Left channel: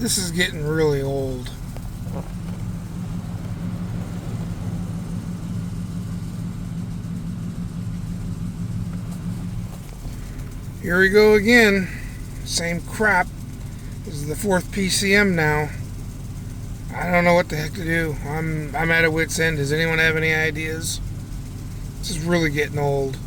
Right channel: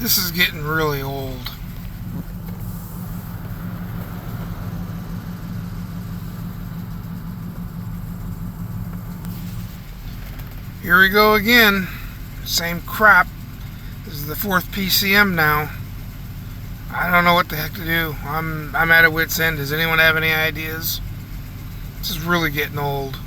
This is getting really old. Here we go again. Same crap. This is the 4th PCM now. I don't know what the heck to do. I'm at a wit's end. Does anyone have any ideas? This is really getting old.